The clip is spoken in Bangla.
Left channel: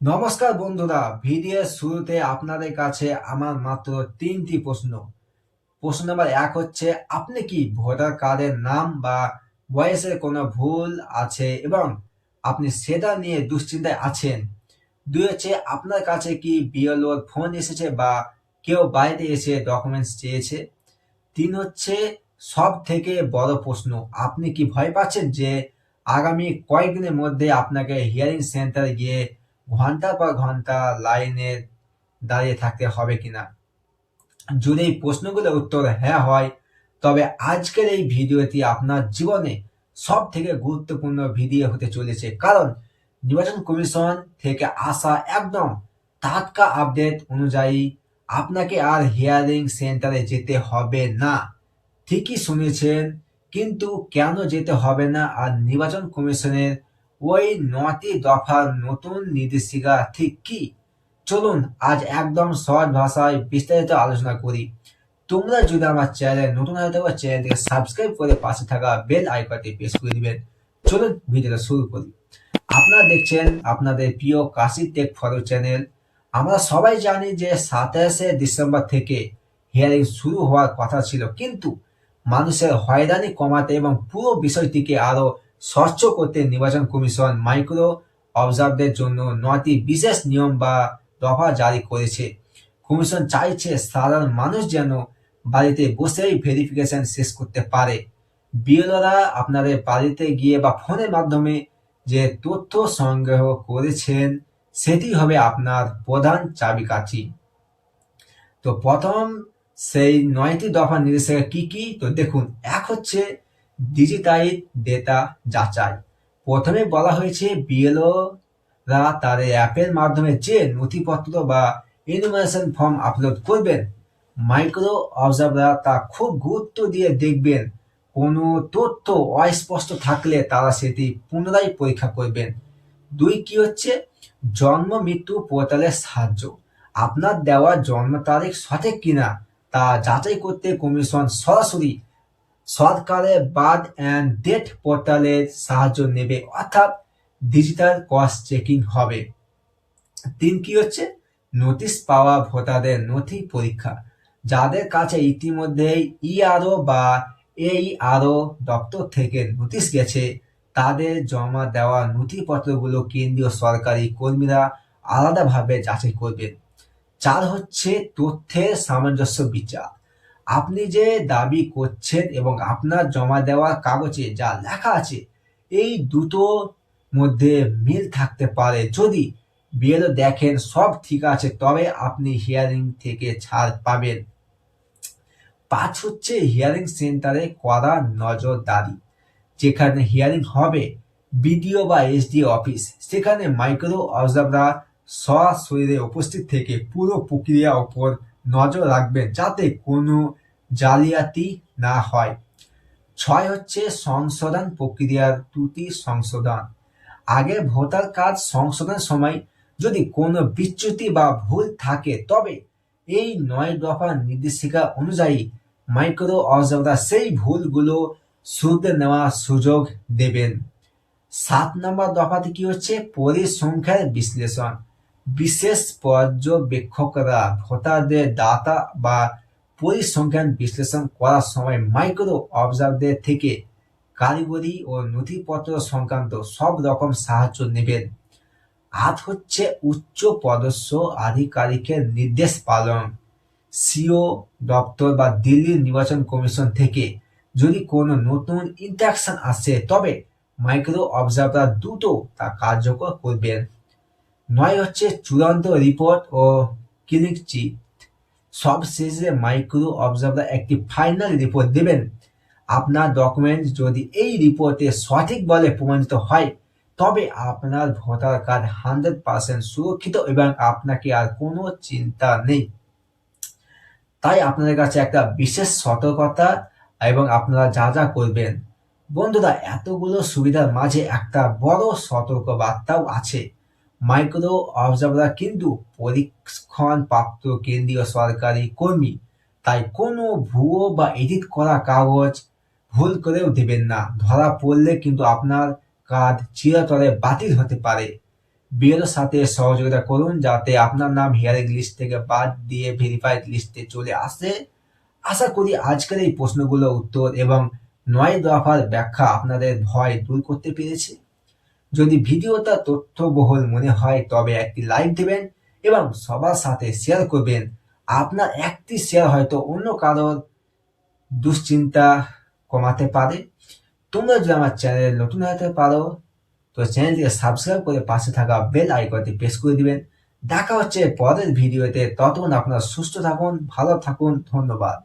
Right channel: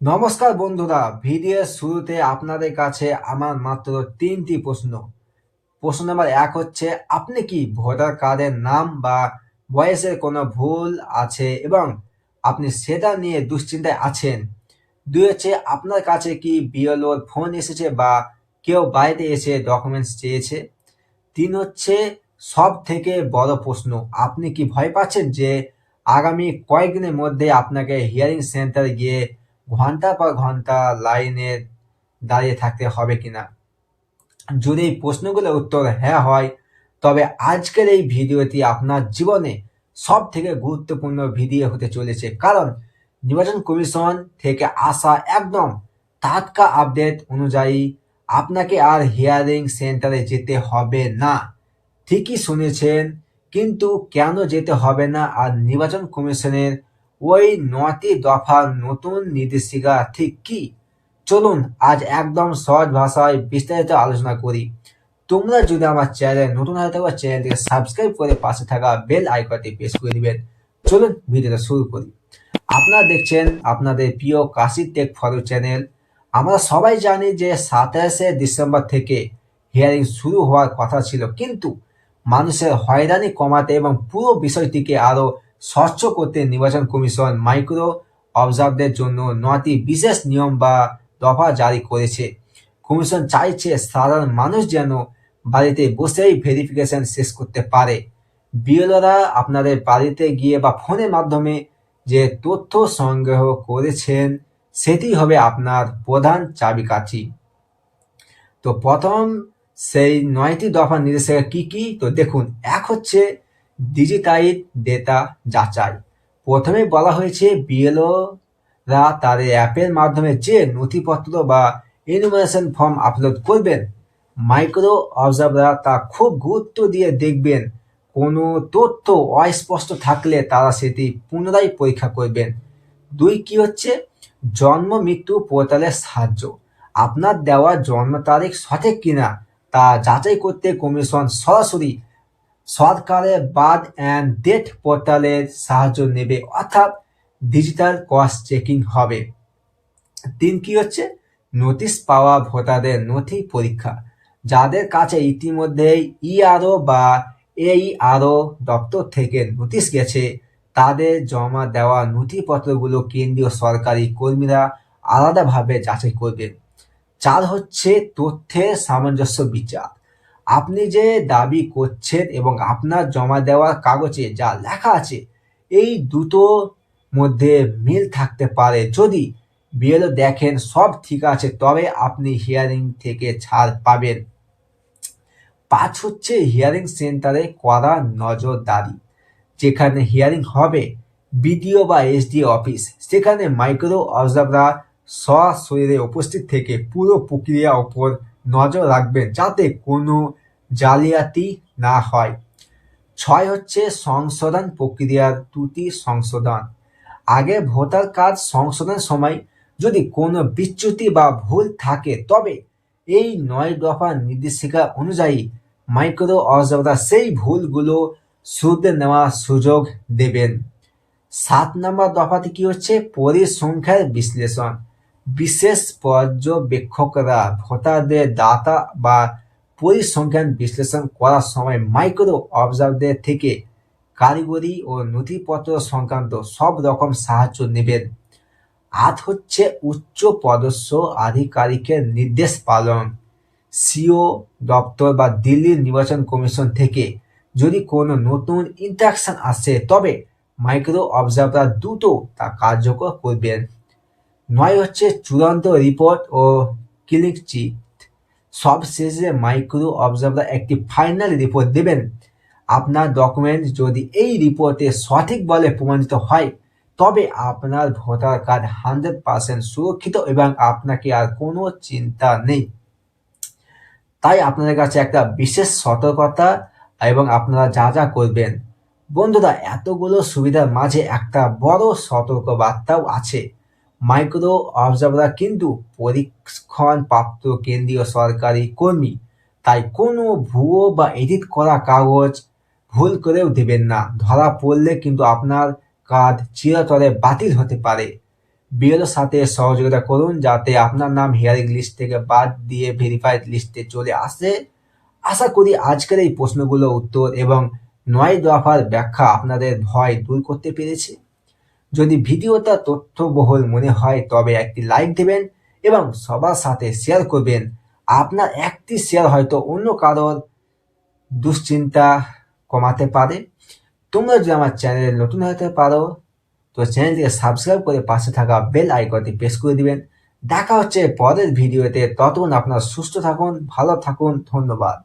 নমস্কার বন্ধুরা, ভিডিওর শুরুতে আপনাদের কাছে আমার মাত্র তিনটি প্রশ্ন। প্রশ্ন নাম্বার এক হচ্ছে, আপনি কি ভোটার কার্ডের নাম বা বয়সের কোনো ভুল আছে এবং আপনি সেটা নিয়ে দুশ্চিন্তায় আছেন? দুই হচ্ছে, আপনার কাছে কি বিএলওর ফোন এসেছে বা কেউ বাড়িতে এসে ডকুমেন্টস চেয়েছে? তিন হচ্ছে সব থেকে বড় প্রশ্ন, আপনি কি ভয় পাচ্ছেন যে আগামী কয়েকদিনের মধ্যে আপনাকে হিয়ারিং সেন্টারে গিয়ে ঘন্টার পর ঘন্টা লাইনে দাঁড়িয়ে থাকতে হবে কিনা? যদি এই প্রশ্নগুলোর উত্তর হ্যাঁ হয়, তবে আজকের এই ভিডিওটি আপনার জীবনে সব থেকে গুরুত্বপূর্ণ ভিডিও হতে চলেছে, কারণ নির্বাচন কমিশন থেকে আসা একদম টাটকা আপডেট অনুযায়ী আপনাকে আর হিয়ারিং সেন্টারে যেতে হবে না। ঠিকই শুনেছেন, কিন্তু কেন যেতে হবে না আর নির্বাচন কমিশনের ওই ৯টি দফার নতুন নির্দেশিকা ঠিক কি? চলুন আজ একদম সহজ ভাষায় বিস্তারিত আলোচনা করি। তোমরা যদি আমার চ্যানেলে নতুন হয়ে থাকো, চ্যানেলটিকে সাবস্ক্রাইব করে পাশে থাকা বেল আইকনটি প্রেস করে দিবেন। চলুন ভিডিওটা শুরু করি। আপনারা দেখছেন আপনাদের প্রিয় কাশি টেক ফলো চ্যানেল। আমরা সবাই জানি যে ২৭শে ডিসেম্বর থেকে হিয়ারিং শুরু হওয়ার কথা ছিল, কিন্তু মানুষের হয়রানি কমাতে এবং পুরো বিষয়টিকে আরো স্বচ্ছ করতে নির্বাচন কমিশন মাইক্রো অবজারভারদের জন্য ৯টি বিশেষ নিয়ম বা দফা জারি করেছে। কমিশন চাইছে সাধারণ মানুষ যেন বাড়িতে বসেই ভেরিফিকেশন শেষ করতে পারে। বিএলওরা আপনাদের বাড়িতে গিয়ে বা ফোনের মাধ্যমে যে তথ্য সংগ্রহ করেছেন সেটি হবে আপনার প্রধান চাবিকাঠি। তো প্রথম সেই ৯টি দফা নির্দেশিকা কি কি? তো দেখুন, এক হচ্ছে ডিজিটাইজ ডেটা যাচাই। প্রথমে বলা হয়েছে বিএলওরা তাদের অ্যাপের মাধ্যমে যে নথিপত্র বা ইনফরমেশন ফর্ম আপলোড করবেন, মাইক্রো অবজারভাররা তা খুব গুরুত্ব দিয়ে দেখবেন। কোনো তথ্য অস্পষ্ট থাকলে তারা সেটি পুনরায় পরীক্ষা করবেন। দুই কি হচ্ছে, জন্ম মৃত্যু পোর্টালের সাহায্য। আপনার দেওয়া জন্ম তারিখ সঠিক কিনা তা যাচাই করতে কমিশন সরাসরি সরকারের বার্থ অ্যান্ড ডেথ পোর্টালের সাহায্য নেবে, অর্থাৎ ডিজিটাল ক্রস চেকিং হবে। তিন কি হচ্ছে, নোটিশ পাওয়া ভোটারদের নথি পরীক্ষা। যাদের কাছে ইতিমধ্যেই ইআরও বা এইআরও দপ্তর থেকে নোটিশ গেছে, তাদের জমা দেওয়া নথিপত্রগুলো কেন্দ্রীয় সরকারি কর্মীরা আলাদাভাবে যাচাই করবেন। চার হচ্ছে তথ্যের সামঞ্জস্য বিচার। আপনি যে দাবি করছেন এবং আপনার জমা দেওয়ার কাগজে যা লেখা আছে, এই দুটোর মধ্যে মিল থাকতে পারে। যদি বিএলও দেখেন সব ঠিক আছে, তবে আপনি হিয়ারিং থেকে ছাড় পাবেন। পাঁচ হচ্ছে হিয়ারিং সেন্টারে কড়া নজরদারি। যেখানে হিয়ারিং হবে, বিডিও বা এসডি অফিস, সেখানে মাইক্রো অবজারভাররা সশরীরে উপস্থিত থেকে পুরো প্রক্রিয়ার ওপর নজর রাখবেন যাতে কোনো জালিয়াতি না হয়। ছয় হচ্ছে সংশোধন প্রক্রিয়ার ত্রুটি সংশোধন। আগে ভোটার কার্ড সংশোধনের সময় যদি কোনো বিচ্যুতি বা ভুল থাকে, তবে এই ৯ দফা নির্দেশিকা অনুযায়ী মাইক্রো অবজারভাররা সেই ভুলগুলো শুধরে নেওয়ার সুযোগ দেবেন। ৭ নম্বর দফাতে কি হচ্ছে, পরিসংখ্যার বিশ্লেষণ। বিশেষ পর্যবেক্ষকরা ভোটারদের ডাটা বা পরিসংখ্যান বিশ্লেষণ করার সময় মাইক্রো অবজারভারদের থেকে কারিগরি ও নথিপত্র সংক্রান্ত সব রকম সাহায্য নেবেন। ৮ হচ্ছে উচ্চ পদস্থ আধিকারিকের নির্দেশ পালন। সিও দপ্তর বা দিল্লির নির্বাচন কমিশন থেকে যদি কোনো নতুন ইন্টারাকশন আসে, তবে মাইক্রো অবজারভাররা দ্রুত তা কার্যকর করবেন। ৯ হচ্ছে চূড়ান্ত রিপোর্ট ও ক্লিন চিট। সবশেষে মাইক্রো অবজারভাররা একটি ফাইনাল রিপোর্ট দেবেন। আপনার ডকুমেন্ট যদি এই রিপোর্টে সঠিক বলে প্রমাণিত হয়, তবে আপনার ভোটার কার্ড 100% সুরক্ষিত এবং আপনাকে আর কোনো চিন্তা নেই। তাই আপনাদের কাছে একটা বিশেষ সতর্কতা এবং আপনারা যা যা করবেন। বন্ধুরা, এতগুলো সুবিধার মাঝে একটা বড় সতর্ক বার্তাও আছে। মাইক্রো অবজারভাররা কিন্তু পরীক্ষণপ্রাপ্ত কেন্দ্রীয় সরকারি কর্মী, তাই কোনো ভুয়ো বা এডিট করা কাগজ ভুল করেও দেবেন না। ধরা পড়লে কিন্তু আপনার কার্ড চিরতরে বাতিল হতে পারে। বিএলওর সাথে সহযোগিতা করুন যাতে আপনার নাম হিয়ারিং লিস্ট থেকে বাদ দিয়ে ভেরিফাইড লিস্টে চলে আসে। আশা করি আজকের এই প্রশ্নগুলোর উত্তর এবং ৯ দফার ব্যাখ্যা আপনাদের ভয় দূর করতে পেরেছে। যদি ভিডিওটা তথ্যবহুল মনে হয় তবে একটি লাইক দেবেন এবং সবার সাথে শেয়ার করবেন। আপনার একটি শেয়ার হয়তো অন্য কারোর দুশ্চিন্তা কমাতে পারে। তোমরা যদি আমার চ্যানেলে নতুন হতে পারো তো চ্যানেলটিকে সাবস্ক্রাইব করে পাশে থাকা বেল আইকনটি প্রেস করে দিবেন। দেখা হচ্ছে পরের ভিডিওতে, ততক্ষণ আপনারা সুস্থ থাকুন, ভালো থাকুন, ধন্যবাদ।